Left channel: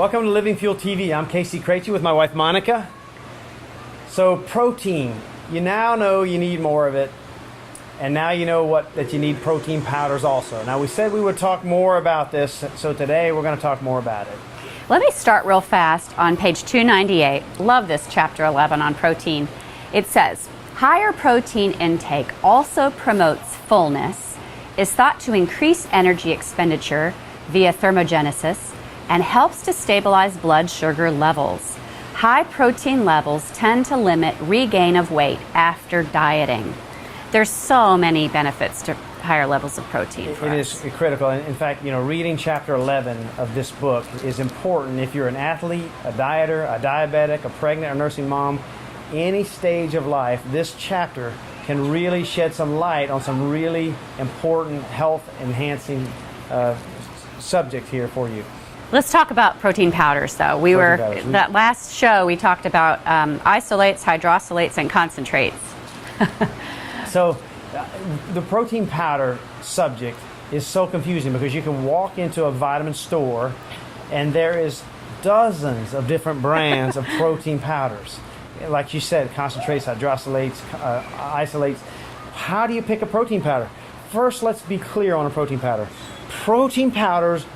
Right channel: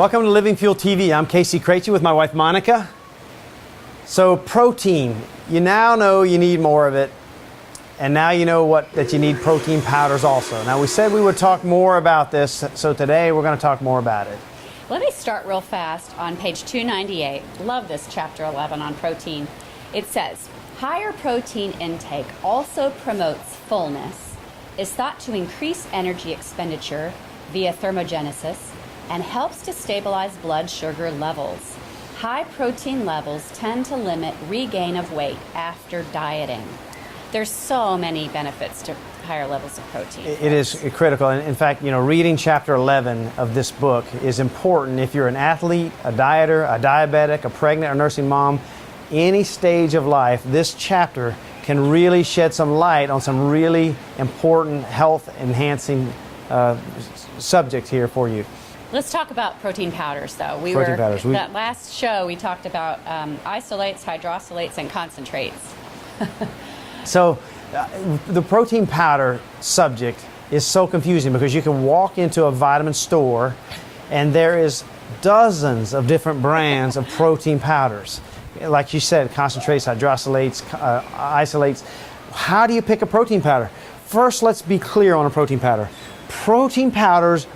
Welcome to Living Fuel TV. I'm Casey Craichy with my wife Monica. So protein, you now know you need more of it, and now you know that you need protein powders also. Now we said we would talk more about this, so today we're going to talk more about it. Let me start real fast on page 298. Love this chapter 11 on protein. It says, higher protein intake also promotes fullness, is thought to increase energy expenditure via thermogenesis, and helps to stabilize blood sugar levels. High protein levels tend to limit regain of weight after dieting. There's so many benefits to higher levels of protein. It is critical. In fact, reading chapter 11 of this book is important if you're an athlete, a dieter, a diabetic, a pregnant or nursing mom, any stage of life. This chapter can really shed some light on some really important health-enhancing subjects here for you. Let's talk about protein powders, though. That last show we talked about isolates, hydrosylates, and concentrates. So the protein powder subject is so confusing because you can walk into a vitamin store and there is dozens of different brands of protein powders. Like you said, concentrates, hydrosylates, isolates. How do you pick a protein powder? First, let's be clear on a protein powder. Protein powders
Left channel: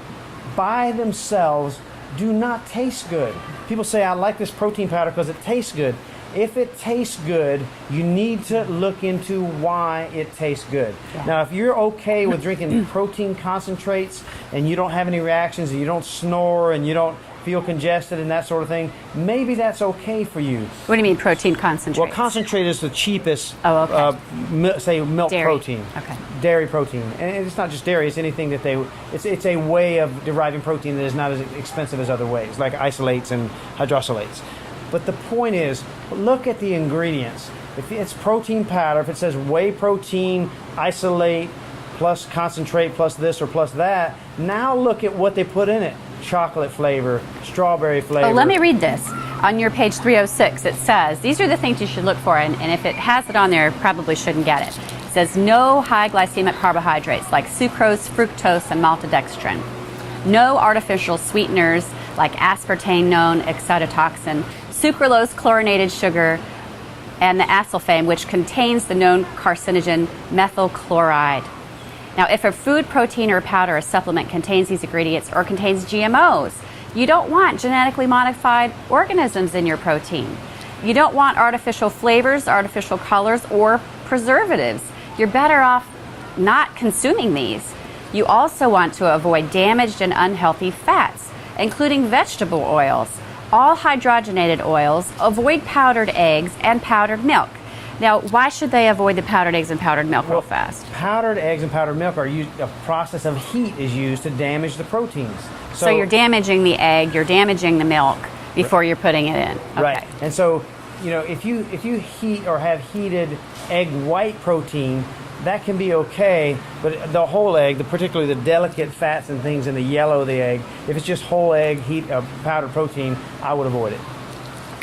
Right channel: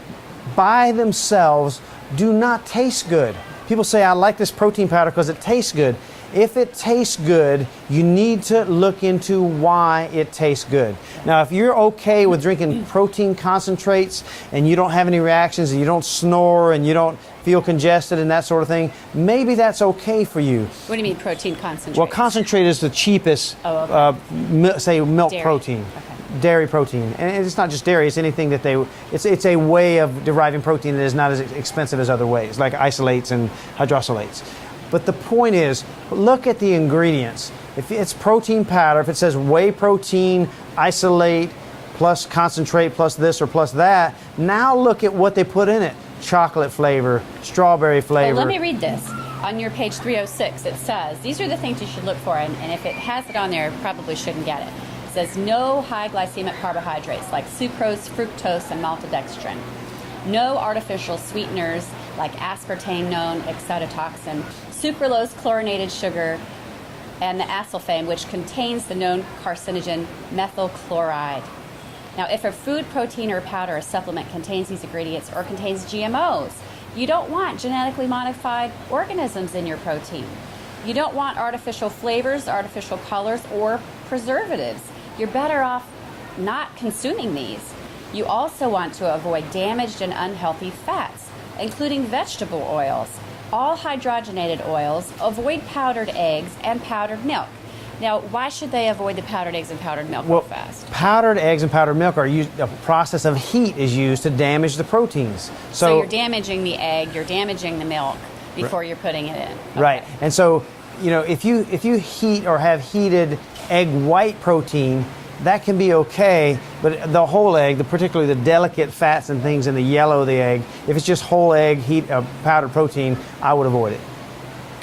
by themselves do not taste good. People say, I like this protein powder because it tastes good. If it tastes good, you need to look into why it tastes good. Now, if you're okay with drinking protein concentrates and you don't have any reactions and you don't snore and you don't feel congested and that sort of thing, maybe that's okay for you. What do you mean protein concentrate? Well, concentrate is the cheapest, say, milk dairy. protein. Okay. Dairy protein. And it's not just dairy, it's anything that it's a way of deriving protein that is not as expensive as other ways, like isolates and hydrosylates. But the point is, look at the ingredients. If it's protein powder, if it says whey protein, isolate, plus concentrate, plus this or plus that, now look at what they put in it. Chocolate flavor, strawberry flavor. Let me read this. On your page 306, it says, these are the things you should look for, and if it has it on there, probably shouldn't get it. It says no high glycemic carbohydrates like sucrose, fructose, and maltodextrin. No artificial sweeteners like aspartame, known excitotoxin, sucralose, chlorinated sugar, and the acesulfame, which contains the known carcinogen methyl chloride. Now, if a food, protein, or powder or supplement contains these ingredients or contains GMOs, you don't want genetically modified organisms in your protein. You don't want artificial flavors, artificial colors, or preservatives. You're better off not consuming these. You also want to avoid damaged and unhealthy fats, including vegetable oils, all hydrogenated oils, avoid powdered eggs and powdered milk. Now, why should they avoid the powdered eggs and powdered milk real fast? Powdered eggs and powdered milk are used, a process of heat is used to damage the proteins. So you're damaging the egg, you're damaging the milk before you're putting it in. Okay. Right. And so, if you heat or have heated egg white protein, that can be okay, but the whole egg, particularly the delicate fats and things in the yellow of the egg, if it's just whole egg, powdered protein, I would avoid it.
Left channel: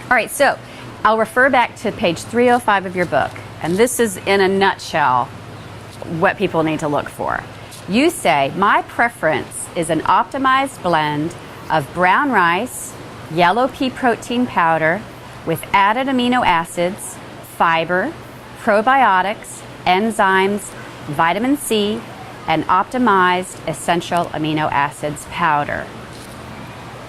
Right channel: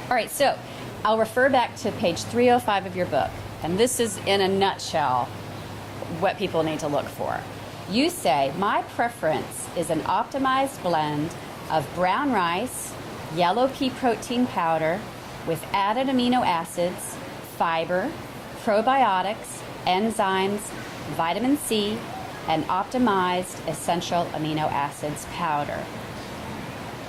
All right, so I'll refer back to page 305 of your book, and this is in a nutshell what people need to look for. You say, my preference is an optimized blend of brown rice, yellow pea protein powder with added amino acids, fiber, probiotics, enzymes, vitamin C, and optimized essential amino acids powder.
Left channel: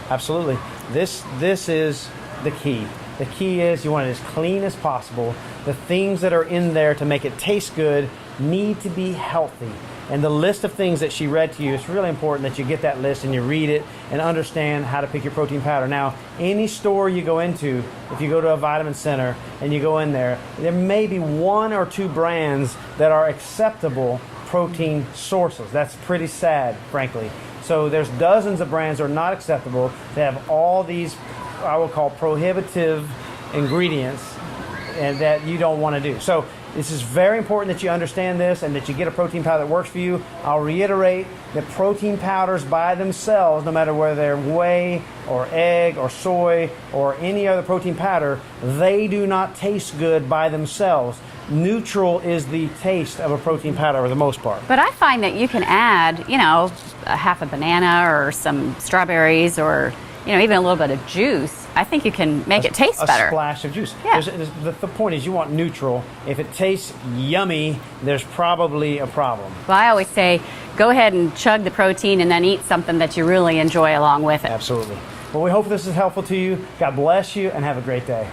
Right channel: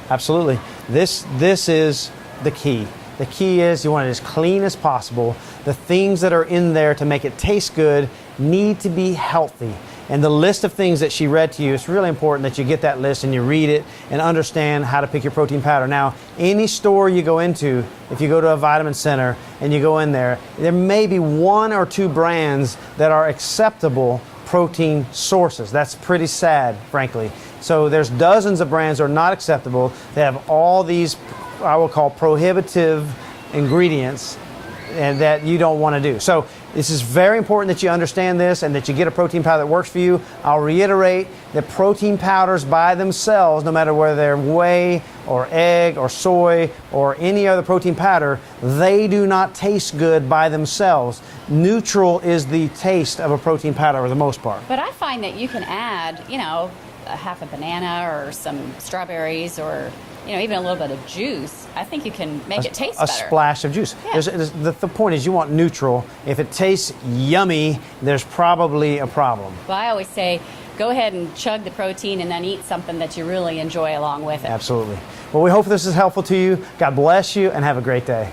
Absolutely. This is the key. The key is you want it as clean as possible. The things that are in there to make it taste good need to be healthy. And the list of things that she read to you, it's really important that you get that list and you read it and understand how to pick your protein powder. Now, any store you go into, if you go to a vitamin center and you go in there may be one or two brands that are acceptable protein sources. That's pretty sad, frankly. So there's dozens of brands that are not acceptable. They have all these, I will call, prohibitive ingredients and that you don't want to do. So this is very important that you understand this and that you get a protein powder that works for you. I'll reiterate that protein powders by themselves, no matter whether they're whey or egg or soy or any other protein powder, they do not taste good by themselves. Neutral is the taste of a protein powder for the most part. But I find that you can add, a half a banana or some strawberries or you know, even a little bit of juice, I think you can make it taste better. A splash of juice. Yeah. The point is you want neutral. If it tastes yummy, there's probably a problem. Well, I always say, go ahead and chug the protein and then eat something that you really enjoy along with it. Absolutely. Well, we hope this is helpful to you. God bless you and have a great day.